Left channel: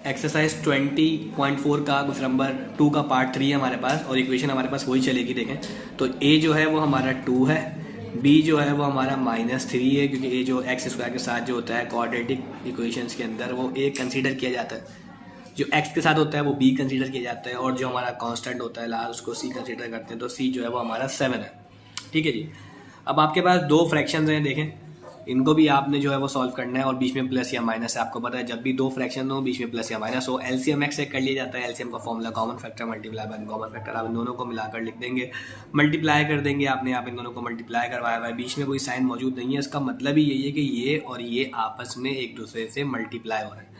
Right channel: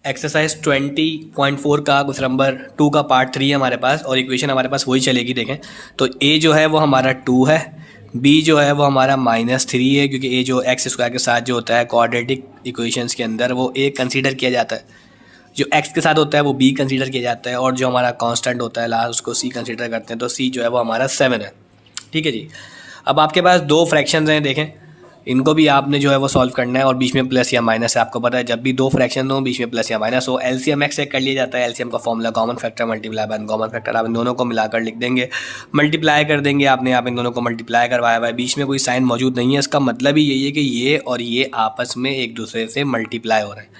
Exercise 20.4 का question number 2 का part 3 है हमारे पास और इक्वेशन हमारे पास वही चलेगी। देखें तो ए जो है वो हमारा 2 है, बी जो है वो हमारा -3 है, क्योंकि ए जो एक्स स्क्वायर के साथ जो होता है क्वाड्रेटिक इक्वेशंस के अंदर वो ए कंसीडर किया जाता है, जो एक्स के साथ होता है वो बी कंसीडर किया जाता है और जो हमारा कांस्टेंट होता है लास्ट उसको सी कंसीडर करते हैं। तो सी जो है वो हमारा 7 है। ठीक है जी। अब आपके पास दो फ्रैक्शंस हैं, देखें इनको भी आपने जो है वो सॉल्व करना है और बीच में प्लस या माइनस है। आपको पता है जब भी दो फ्रैक्शन हो बीच में प्लस या माइनस हो एलसीएम एक्स चेक कर लिया जाता है। एलसीएम का formula common factor multiply by common factor, आप इन दोनों को मिलाकर लिख देंगे, मल्टीप्लाई कर देंगे। आपने आप इन दोनों को मल्टीप्लाई करवाया हुआ है, बीच में कोई साइन मौजूद नहीं है, इसका मतलब ही यही है कि ये और ये आपस में एक दूसरे से मल्टीप्लाई हो रहे हैं।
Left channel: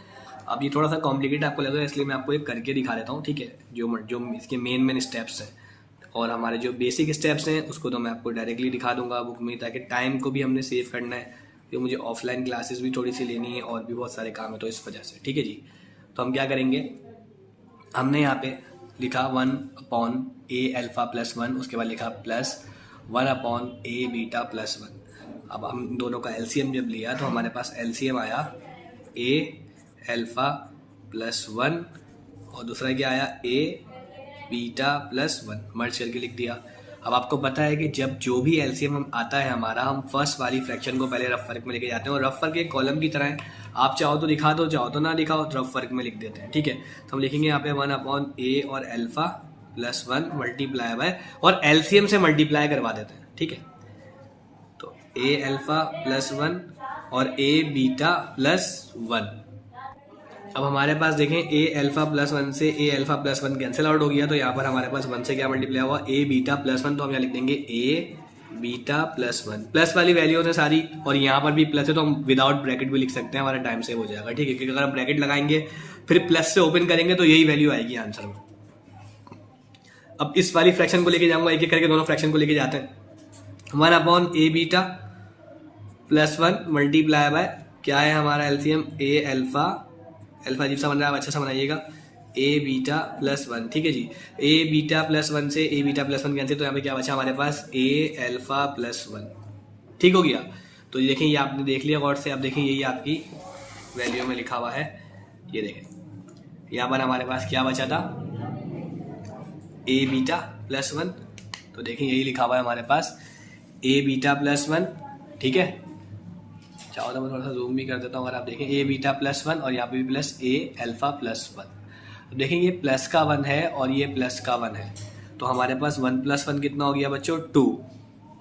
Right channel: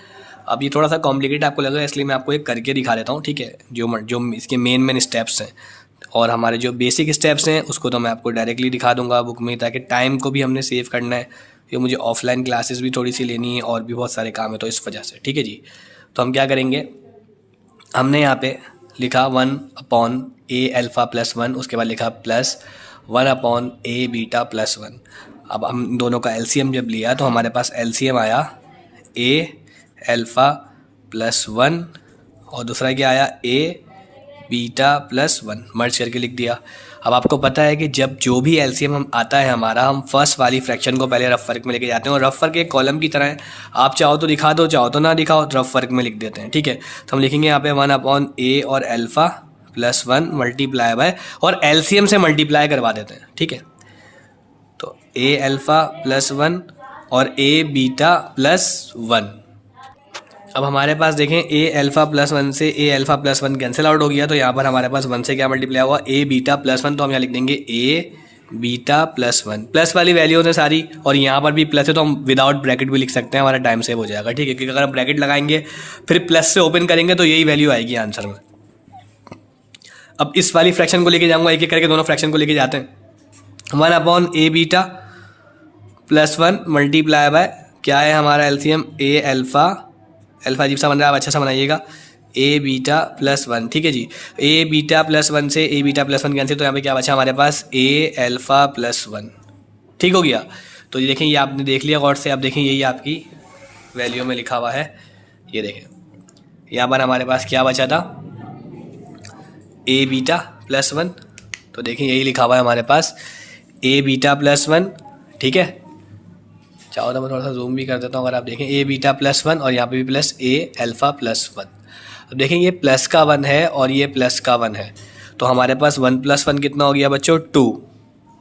अब ये थोड़ा सा कॉम्प्लिकेट आपको लगेगा, इसलिए मैं आपको एक करके दिखा देता हूँ। ठीक है, जो इसके मेन स्टेप्स हैं और हमारे जो बेसिक स्टेप्स हैं उसको तो मैं आपको डायरेक्टली दिखा दूंगा बुक में, ताकि टाइम को भी हमने सेव करना है। ये मुझे ऑफलाइन क्लासेस भी थोड़ी सी लेनी है और भी बहुत सारे काम है, तो इस वजह से। ठीक है जी। तो हम क्या करेंगे, हमने यहाँ पे लिखा 1/a α+1, उसके बाद लिखा +1/a β+1। अब हम दोनों का एलसीएम जब लिया तो हमारे पास एलसीएम आया a α+1 और दूसरा क्या आया a β+1, मर्ज करके लिख दिया। अब आपको पता है कि जब जो भी एलसीएम हम आता है हमारा, हम फर्स्ट वाली फ्रैक्शन को पहले रफ वर्क में लेके जाते हैं और रफ वर्क एक कॉलम की तरह है, आप चाहो तो दिखा दो चाहो तो ना दिखाओ, तो रफ वर्क में लिख देते हैं। ठीक है, तो हम लिखेंगे यहाँ पे 1/a और α+1 मल्टीप्लाई बाय, और एलसीएम से मल्टीप्लाई करवा देते हैं। ठीक है, तो a α+1 और a β+1। अब हमारे पास देखें a α+1 से a α+1 कैंसिल आउट हो गया, तो यहाँ पर हमारे पास 1 से क्या मल्टीप्लाई हुआ a β+1, तो हम यहाँ लिख देंगे a β+1। प्लस वाली वैल्यूज है सारी और यहाँ पर भी प्लस है, तो हम विदाउट ब्रैकेट भी लिख सकते हैं, हमारा टाइम सेव हो जाएगा। ठीक है, क्योंकि अगर हम ब्रैकेट लगाएंगे फिर प्लस से ओपन करेंगे तो यही वैल्यू आएगी आंसर में। अब इस वाली फ्रैक्शन को लेके जाऊँगा, एक एक करके दोनों फ्रैक्शन को लेके जाते हैं। 1/a β+1 मल्टीप्लाई बाय क्या है हमारा एलसीएम अल्फा अजीब सा बन रहा है, अच्छा सा बनाइएगा, a β+1। ठीक है जी, a β+1 से a β+1 कैंसिल, तो यहाँ पे क्या बचा हमारे पास a α+1। ठीक हो गया। तो ये देखें, ये आपने देख लिया गौर से, आप देखें यही आपकी वैल्यू में लिखा हुआ है। ये देखें यहाँ पर हमारे पास क्या बचा था a β+1, तो देखें यही लिखा हुआ है हमारे पास a β+1। ठीक है, चाहो तो मैं थोड़ा सा जूम भी कर देता हूँ, अगर आप देखें a β+1 और यहाँ पे भी प्लस a α+1। अब देखें ये प्लस का 1 है और ये प्लस का 1 है, तो हमारे पास 1+1 कितना हो गया बच्चों 2,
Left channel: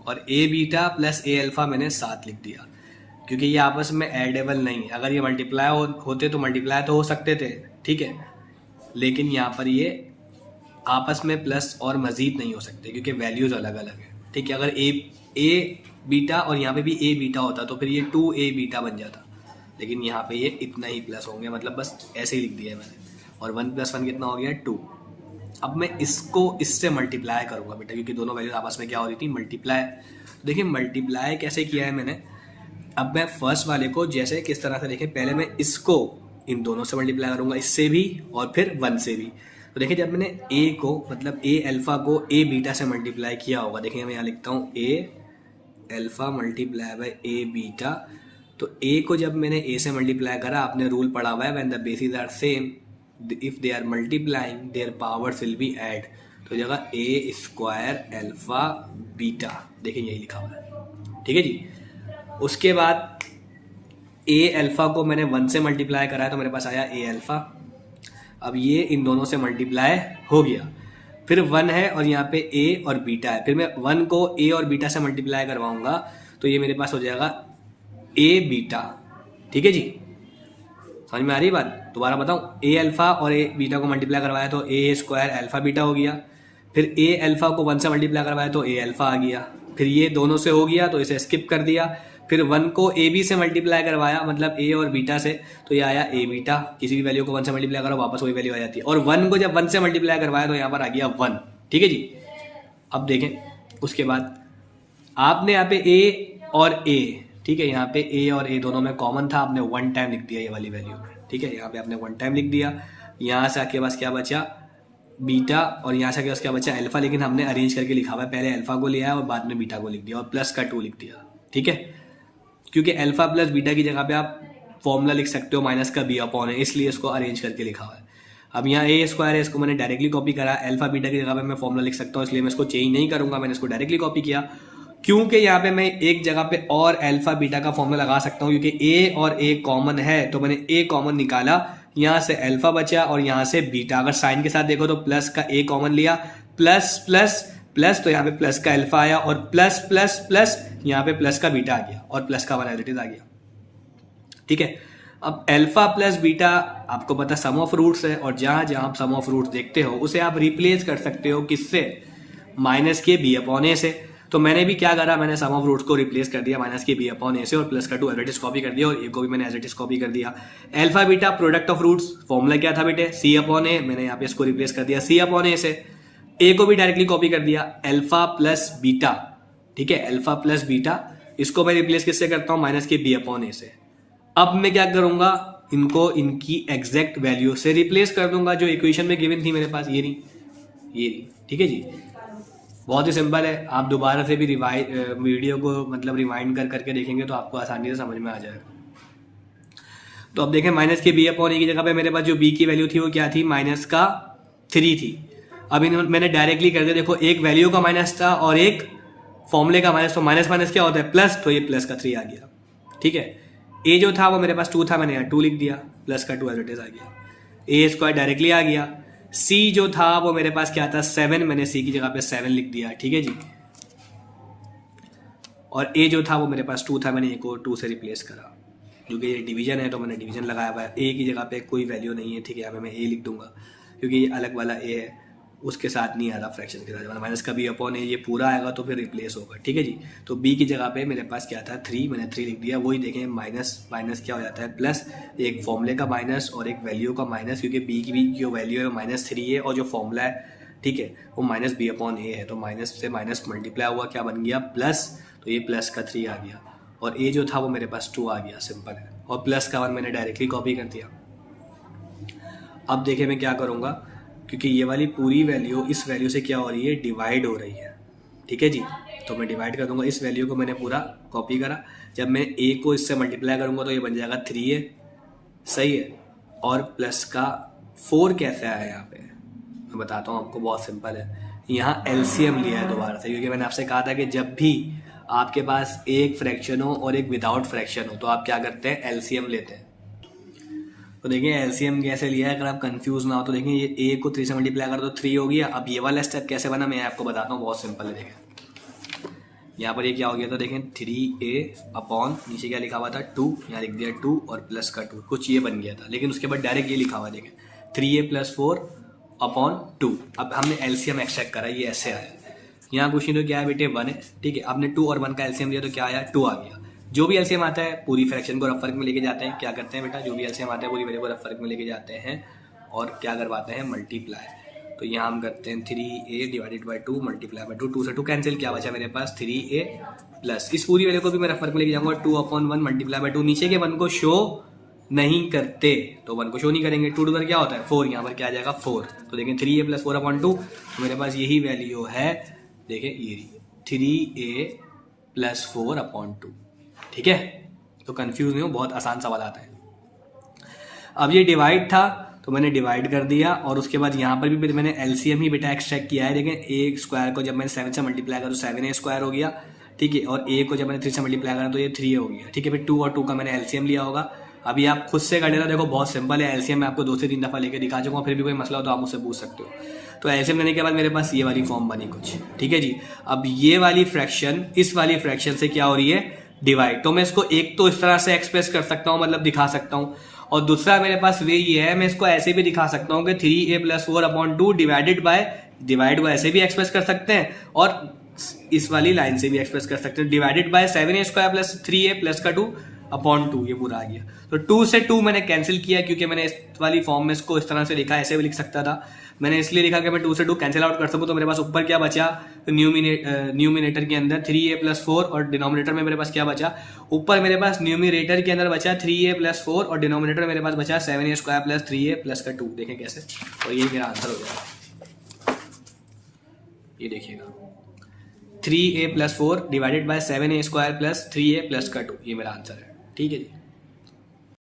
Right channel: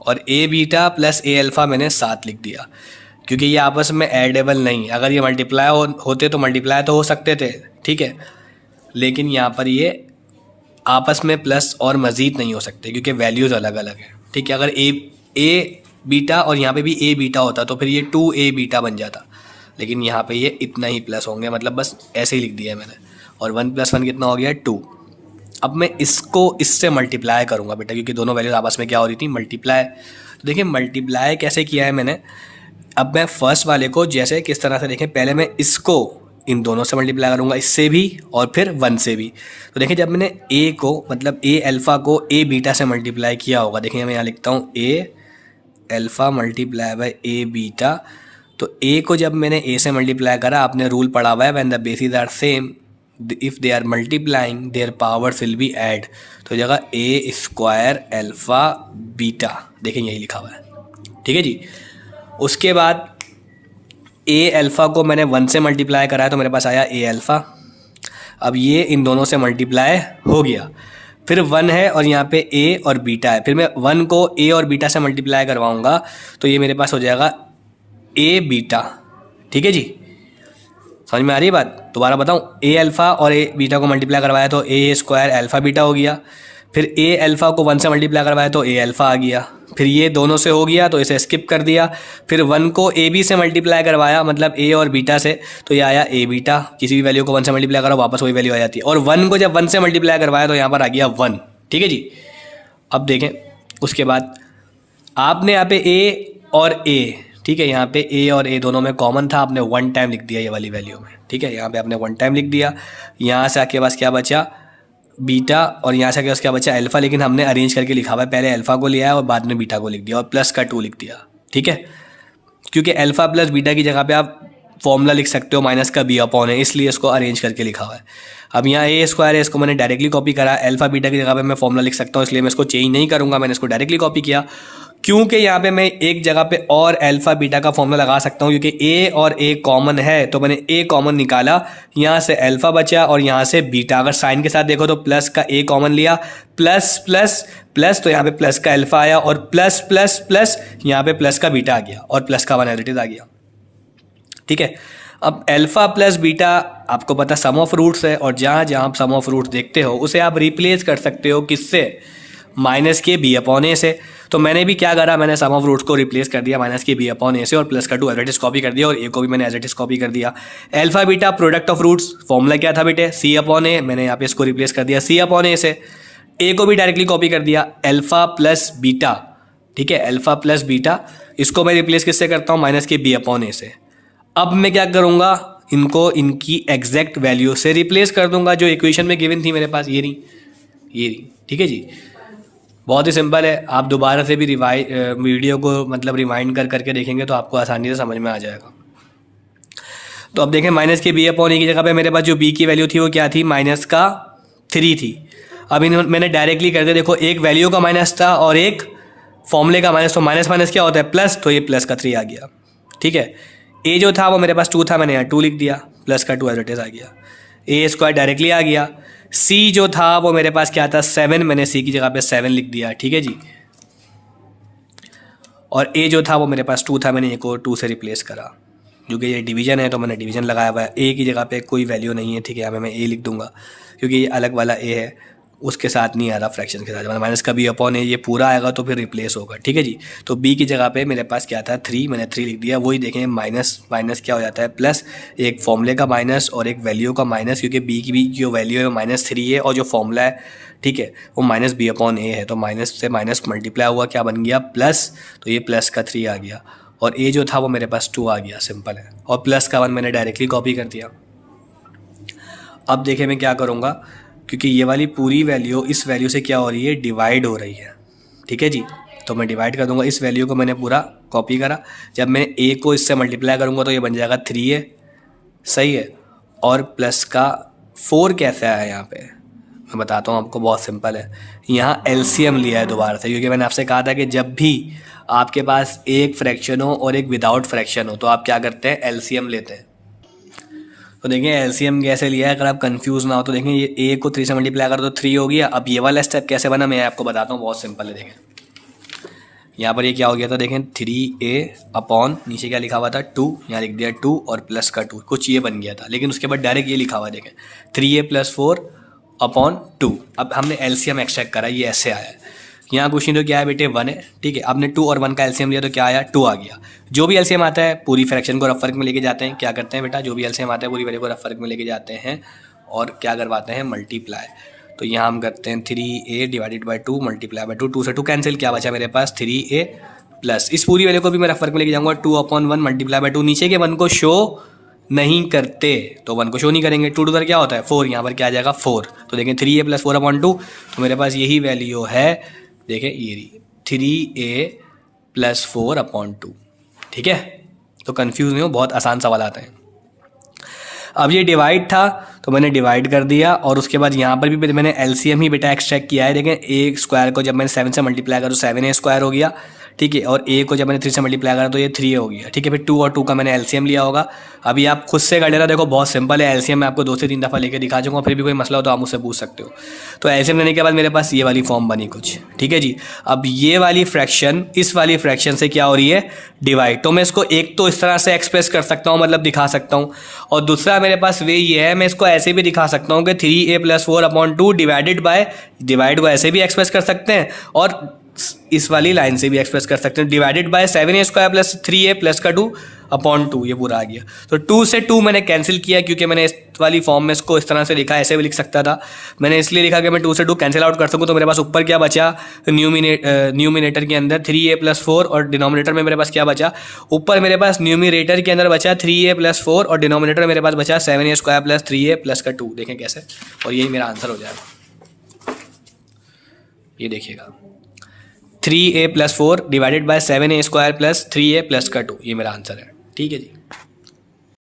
और a β + a α मैंने 7 लिख दिया, क्योंकि ये आपस में एडेबल नहीं। अगर ये मल्टीप्लाई होते तो मल्टीप्लाई तो हो सकते थे, ठीक है, लेकिन यहाँ पर ये आपस में प्लस और मज़ीद नहीं हो सकते क्योंकि वैल्यूज़ अलग अलग है। ठीक है, अगर a बीटा और यहाँ पे भी a बीटा होता तो फिर ये 2a बीटा बन जाता, लेकिन यहाँ पे ये इतना ही प्लस होंगे, मतलब बस ऐसे ही लिख दिया है मैंने। और 1+1 कितना हो गया 2। अब मैं इसको इससे मल्टीप्लाई करूँगा बेटा, क्योंकि दोनों वैल्यूज आपस में क्या हो रही थी मल्टीप्लाई। तो देखिए मल्टीप्लाई कैसे किया है मैंने। अब मैं फर्स्ट वाले को जैसे किस तरह से देखें, पहले मैं इसको इन दोनों से मल्टीप्लाई करूँगा, इससे भी और फिर 1 से भी। तो देखिए जब मैंने a को मतलब a अल्फ़ा को a बीटा से मल्टीप्लाई किया होगा, देखिए मैं यहाँ लिखता हूँ a alpha multiply by a beta. तो a को जब मैंने a से मल्टीप्लाई करा, आपने रूल पढ़ा हुआ है when the basis are same if they are multiplying their powers will be add, तो जगह a² अल्फ़ा बीटा, देखें यही लिखा हुआ है। ठीक है जी। उसके बाद a अल्फ़ा को मैंने 1 से मल्टीप्लाई करा है, तो मेरे पास आया a अल्फ़ा। अब ये इन दोनों से मल्टीप्लाई हो गया, फिर 1 है और यहाँ पे a और बीटा है, फिर मैं 1 को a और बीटा से मल्टीप्लाई करवाऊँगा तो ये मेरे पास हो जाएगा a बीटा। ठीक है जी, समझ में आ रही है बात। दोबारा बताऊँ, a अल्फ़ा और a बीटा को मल्टीप्लाई करवाया तो a² अल्फ़ा बीटा हो गया, फिर a अल्फ़ा को 1 से मल्टीप्लाई करवाया तो a अल्फ़ा आ गया, फिर ये दोनों से हो गया तो इसे स्किप कर दिया, फिर 1 को a b से मल्टीप्लाई करवाया मतलब a और बीटा से, तो ये आया a बीटा। किसी भी वैल्यू को 1 से मल्टीप्लाई करो वापस वही वैल्यू आ जाती है, और 1 को जब 1 से मल्टीप्लाई करवाया तो यहाँ पर आ गया 1। ठीक है जी। अब देखें उसके बाद आपने यहाँ पे a और a, ठीक है, यहाँ पे a और a दोनों में कॉमन था, आपने 1 टाइम लिख दिया ये वाली वैल्यू में। ठीक है, यहाँ पे आपने 1 टाइम लिख दिया, यहाँ से आपके पास क्या बचा बीटा और यहाँ से क्या बचा अल्फ़ा, लेकिन हमने अरेंज करके लिखा हुआ है, पहले अल्फ़ा को लिया है और बाद में बीटा को लिख दिया और प्लस का 2 लिख दिया। ठीक है, क्योंकि अल्फ़ा प्लस बीटा की जगह पे आप फॉर्मूला लिख सकते हो माइनस का बी अपॉन है, इसलिए इसको अरेंज करके लिखा हुआ है। अब यहाँ ए स्क्वायर है, इसको मैंने डायरेक्टली कॉपी करा, अल्फा बीटा की जगह पे मैं फॉर्मूला लिख सकता हूँ, इसलिए मैं इसको चेंज नहीं करूँगा, मैंने इसको डायरेक्टली कॉपी किया। क्योंकि यहाँ पे मैं एक जगह पे और अल्फा बीटा का फॉर्मूला लगा सकता हूँ, क्योंकि ए और ए कॉमन है, तो मैंने ए कॉमन निकाला, यहाँ से अल्फा बचा और यहाँ से बीटा। अगर साइन के साथ देखो तो प्लस का ए कॉमन लिया, प्लस प्लस प्लस, तो यहाँ पे प्लस का अल्फा आया, और प्लस प्लस प्लस यहाँ पे प्लस का बीटा आ गया, और प्लस का 1 एज इट इज आ गया। ठीक है, अब अल्फा प्लस बीटा आपको पता सम ऑफ रूट्स है, और जहाँ जहाँ आप सम ऑफ रूट्स देखते हो उसे आप रिप्लेस कर सकते हो किससे, माइनस के बी अपॉन ए से। तो मैंने भी क्या करा, मैंने सम ऑफ रूट्स को रिप्लेस कर दिया माइनस के बी अपॉन ए से, और प्लस का 2 एज इट इज कॉपी कर दिया, और ए को भी मैंने एज इट इज कॉपी कर दिया। Alpha beta product of roots, formula क्या था बेटे, सी अपॉन ए, मैंने यहाँ पे इसको रिप्लेस कर दिया सी अपॉन ए से। ए को भी डायरेक्टली कॉपी कर दिया, अल्फा प्लस बीटा, ठीक है, अल्फा प्लस बीटा, इसको मैं रिप्लेस किससे करता हूँ, माइनस के बी अपॉन ए से। अब मैं क्या करूँगा, इनको इनकी एग्जैक्ट वैल्यू से रिप्लेस कर दूंगा जो इक्वेशन में गिवन थी मेरे पास, ये रही। ठीक है जी, बहुत ही सिंपल है। आप दोबारा से भी वीडियो को मतलब रिवाइंड कर करके देखेंगे तो आपको आसानी से समझ में आ जाएगा। तो अब देखें, माइनस के बी अपॉन ए की जगह पे मेरे पास जो बी की वैल्यू थी वो क्या थी, माइनस का 3 थी। अब मैंने डायरेक्टली कर दिया, देखो एक वैल्यू का माइनस था और एक फॉर्मूले का माइनस, तो माइनस माइनस क्या होता है, प्लस, तो ये प्लस का 3 आ गया। ठीक है, ए जो था वो मेरे पास 2 था, मैंने यहाँ 2 लिख दिया, प्लस का 2 एज इट इज आ गया, ए स्क्वायर डायरेक्टली आ गया। सी जो था वो मेरे पास क्या था, 7, मैंने सी की जगह पे 7 लिख दिया। ठीक है जी, और ए जो था वो मेरे पास 2 था, मैंने ए को 2 से रिप्लेस करा, क्योंकि ये डिवीजन है तो मैंने डिवीजन लगाया हुआ है। ए की जगह पे कोई वैल्यू नहीं है, ठीक है, यहाँ पे मैं ए लिख दूंगा, क्योंकि ये अलग वाला ए है, उसके साथ नहीं आ रहा फ्रैक्शन के साथ, मतलब माइनस का बी अपॉन ए, ये पूरा आएगा तो फिर रिप्लेस होगा। ठीक है जी, तो बी की जगह पे मेरे पास क्या था, 3, मैंने 3 लिख दिया। वही देखें, माइनस माइनस क्या हो जाता है, प्लस, एक फॉर्मूले का माइनस और एक वैल्यू का माइनस, क्योंकि बी की भी जो वैल्यू है वो -3 है, और जो फॉर्मूला है, ठीक है, वो माइनस बी अपॉन ए है, तो माइनस से माइनस मल्टीप्लाई हुआ, क्या बन गया, प्लस, तो ये प्लस का 3 आ गया, और ए जो था वो मेरे पास 2 आ गया, सिंपल है, और प्लस का 1 मैंने डायरेक्टली कॉपी कर दिया। अब देखें मैं क्या करूँगा, क्योंकि ये वाली पूरी वैल्यू इस वैल्यू से क्या हो रही है, डिवाइड हो रही है। ठीक है जी, तो मैं डिवाइड कर दूंगा, इस वैल्यू को मैंने पूरा कॉपी करा, जब मैं ए को इससे मल्टीप्लाई करूँगा तो ये बन जाएगा 3a, सही है, और प्लस का 4 कैसे आया यहाँ पे, मैं बताता हूँ आपको, बहुत सिंपल है। यहाँ एलसीएम लिया है दोबारा से, क्योंकि मैंने आपसे कहा था कि जब भी आपके पास एक फ्रैक्शन हो और एक विदाउट फ्रैक्शन हो तो आप क्या करते हैं, एलसीएम लेते हैं। तो देखिए एलसीएम कैसे लिया है, अगर आप कंफ्यूज ना हो तो देखें, ये ए को 3 से मल्टीप्लाई कर दो 3 हो गया। अब ये वाला स्टेप कैसे बना मैं आपको बताता हूँ, बहुत सिंपल है। देखें यहाँ पर ये क्या हो गया था, देखें 3a अपॉन नीचे क्या लिखा हुआ था 2, यहाँ लिख दिया 2 और प्लस का 2, कुछ ये बन गया था, लेकिन उसके बाद डायरेक्ट ये लिखा हुआ देखें 3a + 4 अपॉन 2। अब हमने एलसीएम एक्सट्रैक्ट करा, ये ऐसे आया है। यहाँ क्वेश्चन तो क्या है बेटे, 1 है, ठीक है, आपने 2 और 1 का एलसीएम लिया तो क्या आया, 2 आ गया। जो भी एलसीएम आता है पूरी फ्रैक्शन को रफ वर्क में लेके जाते हैं, क्या करते हैं बेटा, जो भी एलसीएम आता है पूरी वैल्यू को रफ वर्क में लेके जाते हैं और क्या करवाते हैं, मल्टीप्लाई। तो यहाँ हम करते हैं 3a divided by 2 multiply by 2, 2 से 2 कैंसिल, क्या बचा मेरे पास 3a प्लस, इस पूरी वैल्यू को भी मैं रफ वर्क में लेके जाऊँगा 2/1 मल्टीप्लाई बाई 2, नीचे के 1 को शो नहीं करते तो 1 को शो नहीं करेंगे, 2 उधर क्या होता है 4, यहाँ पर क्या आ जाएगा 4। तो देखें 3a + 4/2, तो मेरे पास यही वैल्यू है, देखें ये रही 3a + 4/2। ठीक है, तो कंफ्यूज नहीं हो, बहुत आसान सवाल आता है। अब ये डिवाइड था तो मैंने डिवाइड कर दिया, और उसके बाद यहाँ पर भी मैंने एलसीएम ही बेटा एक्सट्रैक्ट किया है। देखें ए स्क्वायर को जब मैंने 7 से मल्टीप्लाई करा तो 7a स्क्वायर हो गया, ठीक है, और ए को जब मैंने 3 से मल्टीप्लाई करा तो ये 3 हो गया। ठीक है, फिर 2 और 2 का मैंने एलसीएम लिया होगा। अभी आप खुद से कर लेना, देखो बहुत सिंपल है, एलसीएम मैं आपको 2 से 3 दफ़ा लेके दिखा दूँगा, फिर भी कोई मसला हो तो आप मुझसे पूछ सकते हो। तो एलसीएम लेने के बाद मेरे पास ये वाली फॉर्म बनी कुछ, ठीक है जी। अब ये वाली फ्रैक्शन इस वाली फ्रैक्शन से क्या हो रही है, डिवाइड, तो मैं इसको एक तो इस तरह से एक्सप्रेस कर सकता हूँ, मतलब दिखा सकता हूँ, और दूसरा मेरे पास वे ये है, मैं इसको ऐसे भी दिखा सकता हूँ कि 3a + 4/2 डिवाइडेड बाय, डिवाइड को ऐसे भी एक्सप्रेस कर सकते हैं और इस वाली लाइन से भी एक्सप्रेस कर सकते हैं, डिवाइडेड बाय 7a² + 3a + का 2/2, ये पूरा आ गया। तो 2 से 2 मैंने कैंसिल किया, क्योंकि मैंने इस वाली फॉर्म में इसको इस तरह से लिखा, ऐसे भी लिख सकता था, मैंने इसलिए लिखा कि मैं 2 से 2 कैंसिल आउट कर सकूँ। तो मेरे पास ऊपर क्या बचा, न्यूमिनेटर के अंदर 3a + 4 और डिनोमिनेटर में मेरे पास क्या बचा, ऊपर मेरे पास न्यूमिनेटर के अंदर बचा 3a + 4 और डिनोमिनेटर में मेरे पास बचा 7a² + 3a + का 2। देखें कैसे, और यही मेरा आंसर हो जाएगा, ये देखिएगा 3a + 4 divided by 7a² + 3a + का 2, ये मेरा आंसर है। ठीक है जी।